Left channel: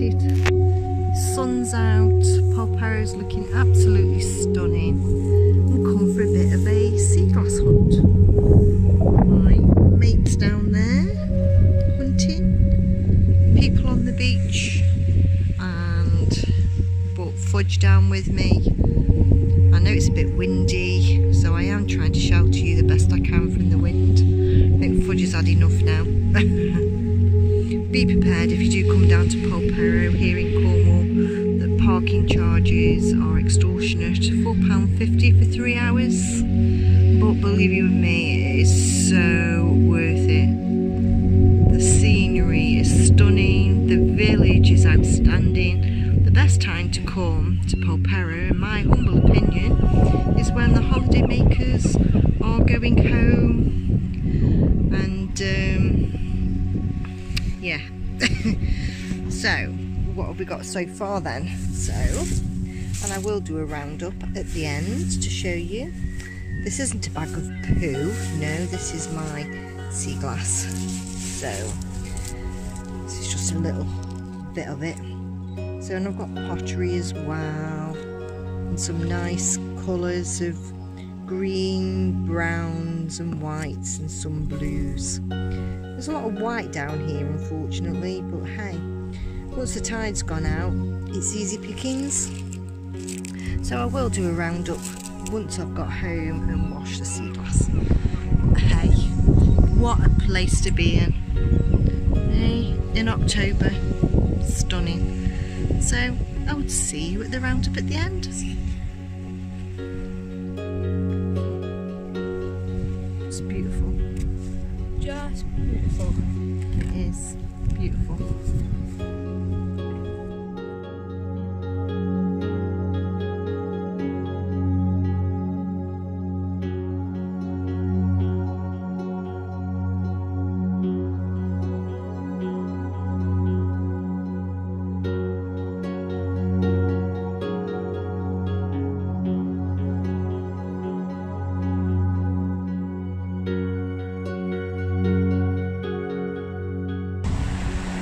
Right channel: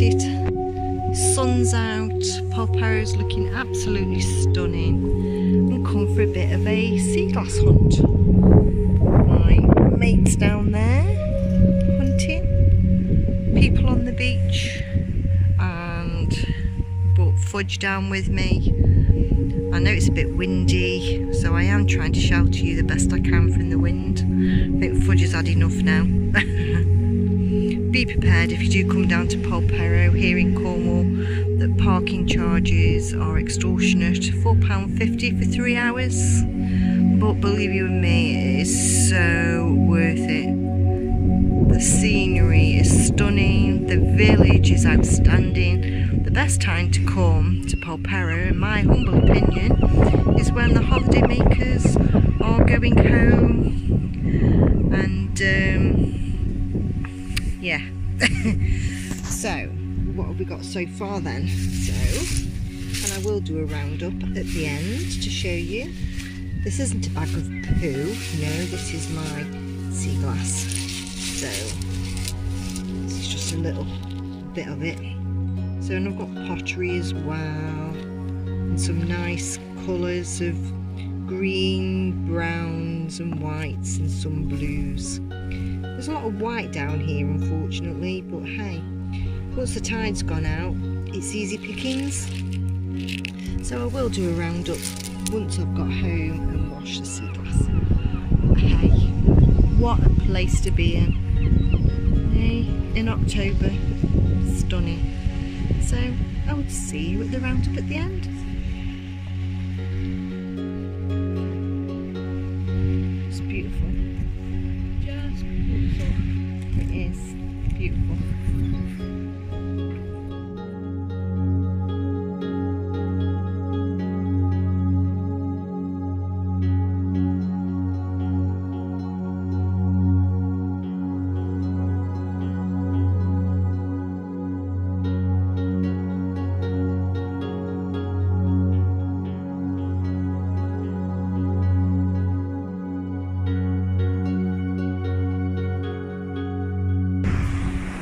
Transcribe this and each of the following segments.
it. Sun's out, Polperro's looking absolutely stunning, and come for a bit of a sea glass hunt. My mate's down there hunting, people on the beach, and brought Fudge down with me. I know it's a bit windy, so I am trying to shelter you the best I can from the wind. I think Fudge has had enough now. Be prepared if you do come down to Polperro here in Cornwall that parking charges are extortionate, £4.50 for 3 hours. But believe you me, it is so worth it. The scenery is stunning, the village is outstanding. The best time to come to Polperro, in my humble opinion, is when the holiday makers are going home, and yeah. So what have we got so far then? And I will do a roundup at the end to show you. This isn't a bag of poo, no, this is my sea glass. So this is just a little bit of it. So, and I've got pottery as well, and some nice colours of green, browns and whites, and some blues. There's a lot of white down here unfortunately, but hey, once the tide's gone out, it's easy pickings. So I will do a roundup once I've got home and washed the sea glass. But hey, what a place to be in. Hey, in October, stunning. So I would see you at the roundup at the end. It's beautiful. Just beautiful. It is beautiful.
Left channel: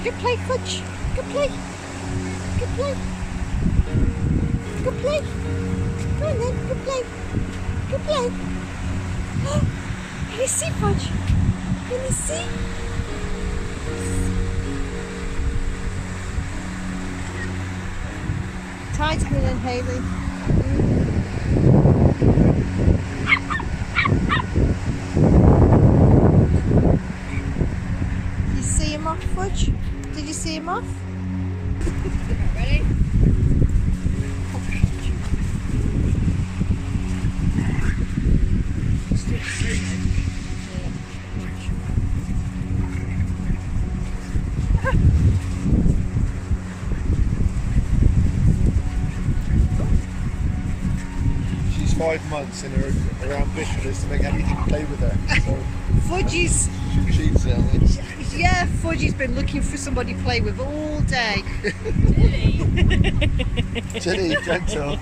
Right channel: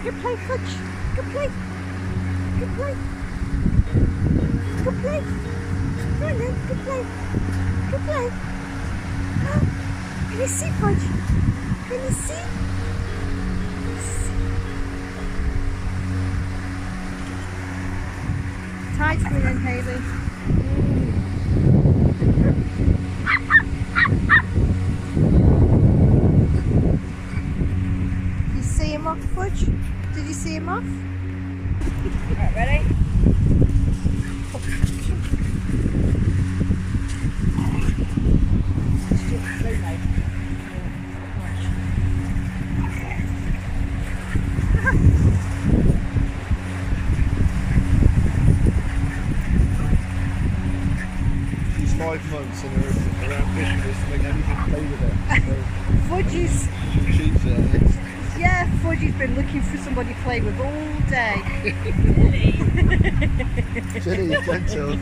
Good play, Fudge. Good play. Good play. Good play. Go on then. Good play. Good play. Can you see, Fudge? Can you see? Tide's coming in, Hayley. You see him off, Fudge? Did you see him off? Right, ready? Oh, catch him. She's 5 months and her ambition is to make anything play with her. So Fudge's... Yeah, Fudge's been looking for somebody to play with all day. Jenny, don't tell.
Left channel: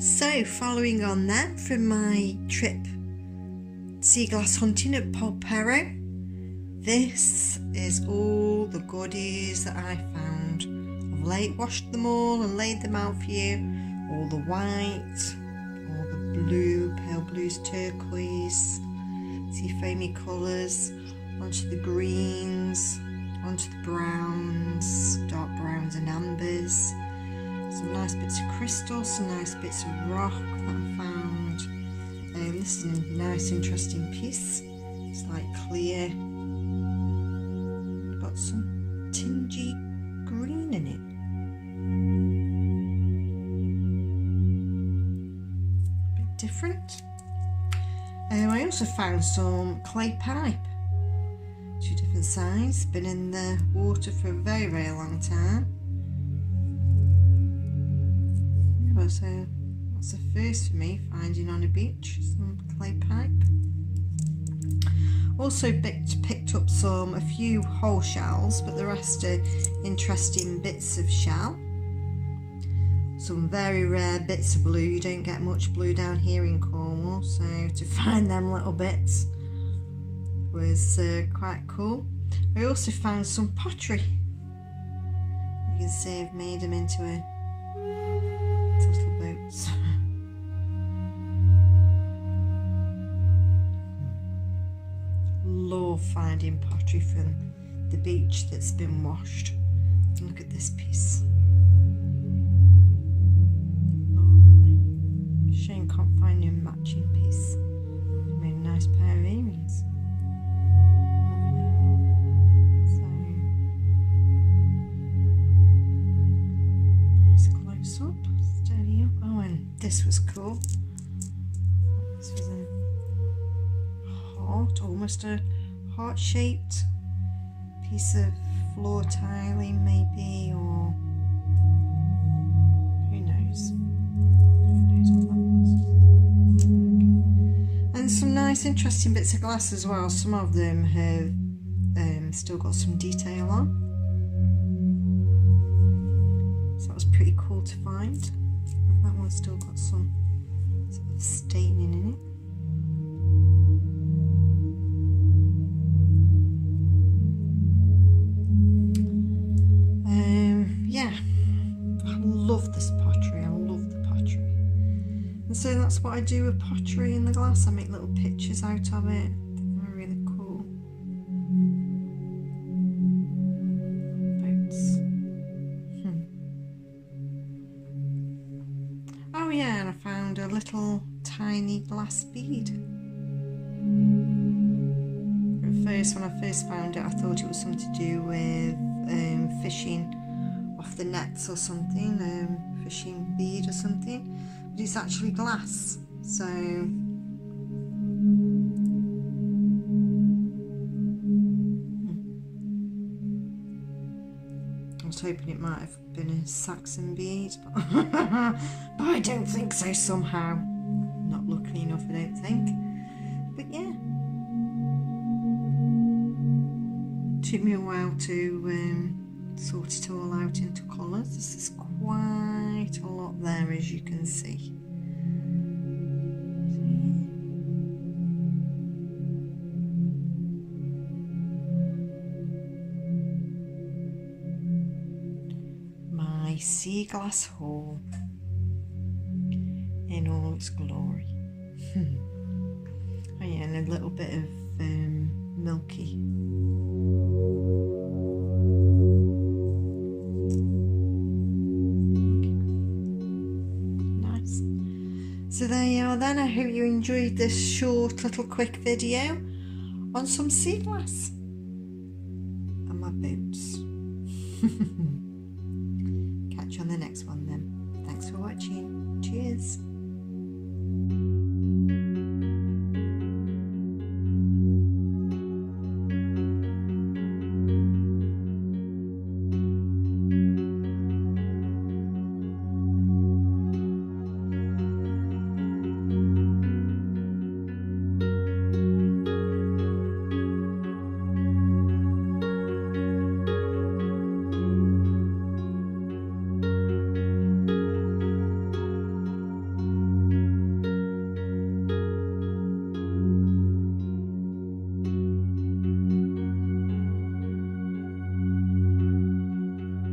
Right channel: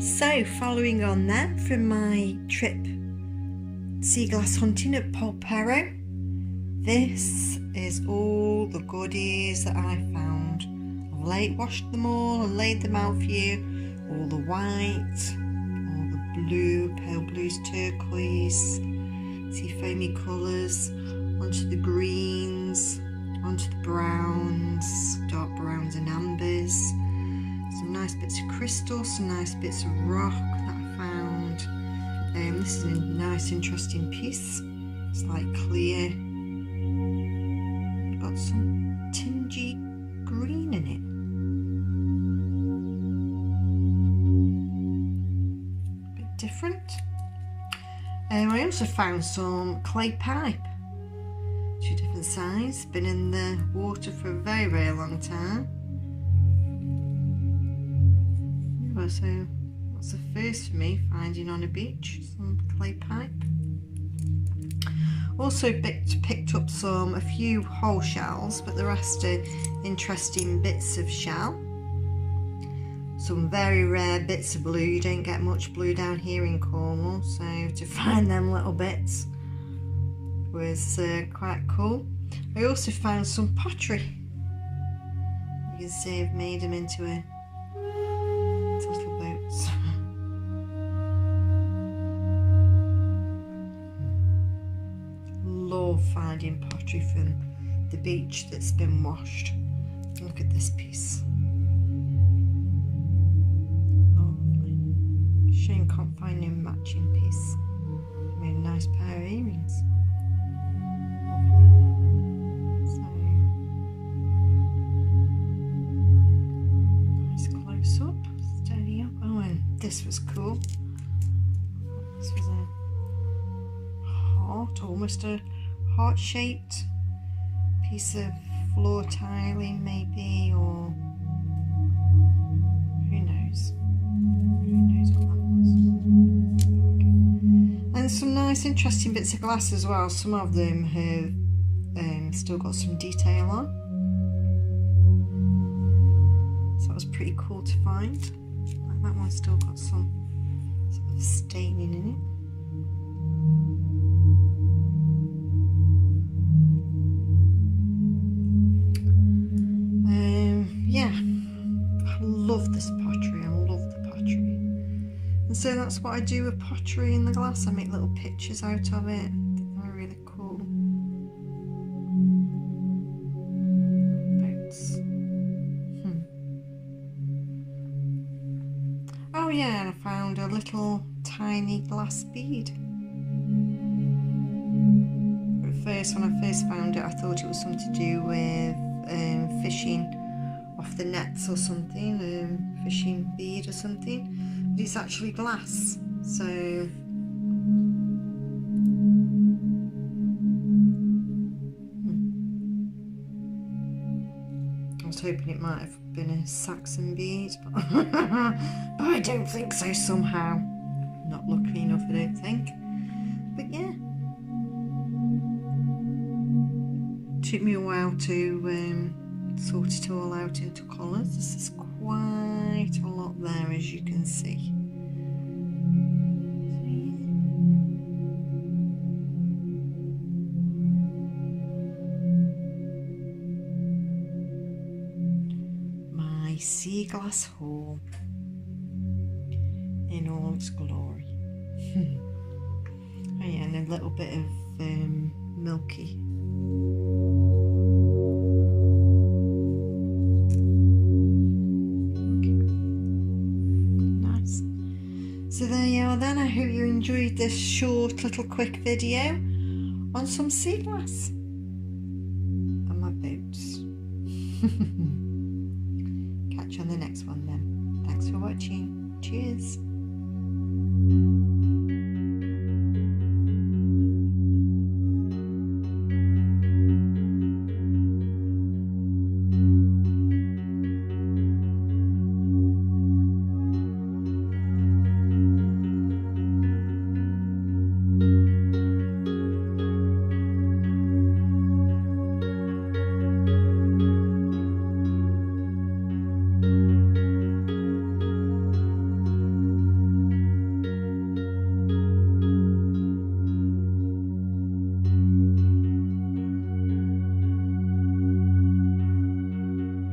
So, following on then from my trip sea glass hunting at Polperro, this is all the goodies that I found. I've washed them all and laid them out for you. All the white, all the blue, pale blues, turquoise, see foamy colours, onto the greens, onto the browns, dark browns and ambers. Some nice bits of crystal, some nice bits of rock that I found. This is a nice interesting piece. It's like clear, got some tingy green in it. A bit different. I also found some clay pipe, 2 different sizes, been in the water for a very, very long time. So that's the first for me, finding on a beach some clay pipe. Also picked up a few whole shells, but the rest are interesting bits of shell. Some very rare bits of blue. You don't get much blue down here in Cornwall, so to find them little bits was quite cool. I also found some pottery. You can see I've made them into little boats. Love finding pottery from the beach that's been washed. Look at this piece. Lovely. Shame can't find no matching piece. Made a nice pair of earrings. Lovely. So nice close up. Steady up. Oh, and this was cool. This was a heart, almost a heart-shaped piece of floor tiling maybe, or who knows what that was. And some nice interesting bits of glass as well. Some of them have still got some detail on, so that was pretty cool to find. Like that one's still got some sort of staining in it. Yeah, I love this pottery. I love the pottery, and so that's what I do with pottery in the glass. I make little pictures out of it. They're really cool. Boats. Oh yeah, and I found a little tiny glass bead. At first, when I first found it, I thought it was something to do with fishing off the nets or something, fishing bead or something, but it's actually glass. So I was hoping it might have been a Saxon bead, but, but I don't think so somehow. Not lucky enough, I don't think. But yeah, it took me a while to sort it all out into colours. This is quite a lot there, as you can see. So, yeah. My sea glass hall in all its glory. Oh yeah, and a little bit of milky. So there you are then. I hope you enjoyed this short little quick video on some sea glass and my boats. Catch you on the next one then. Thanks for watching. Cheers.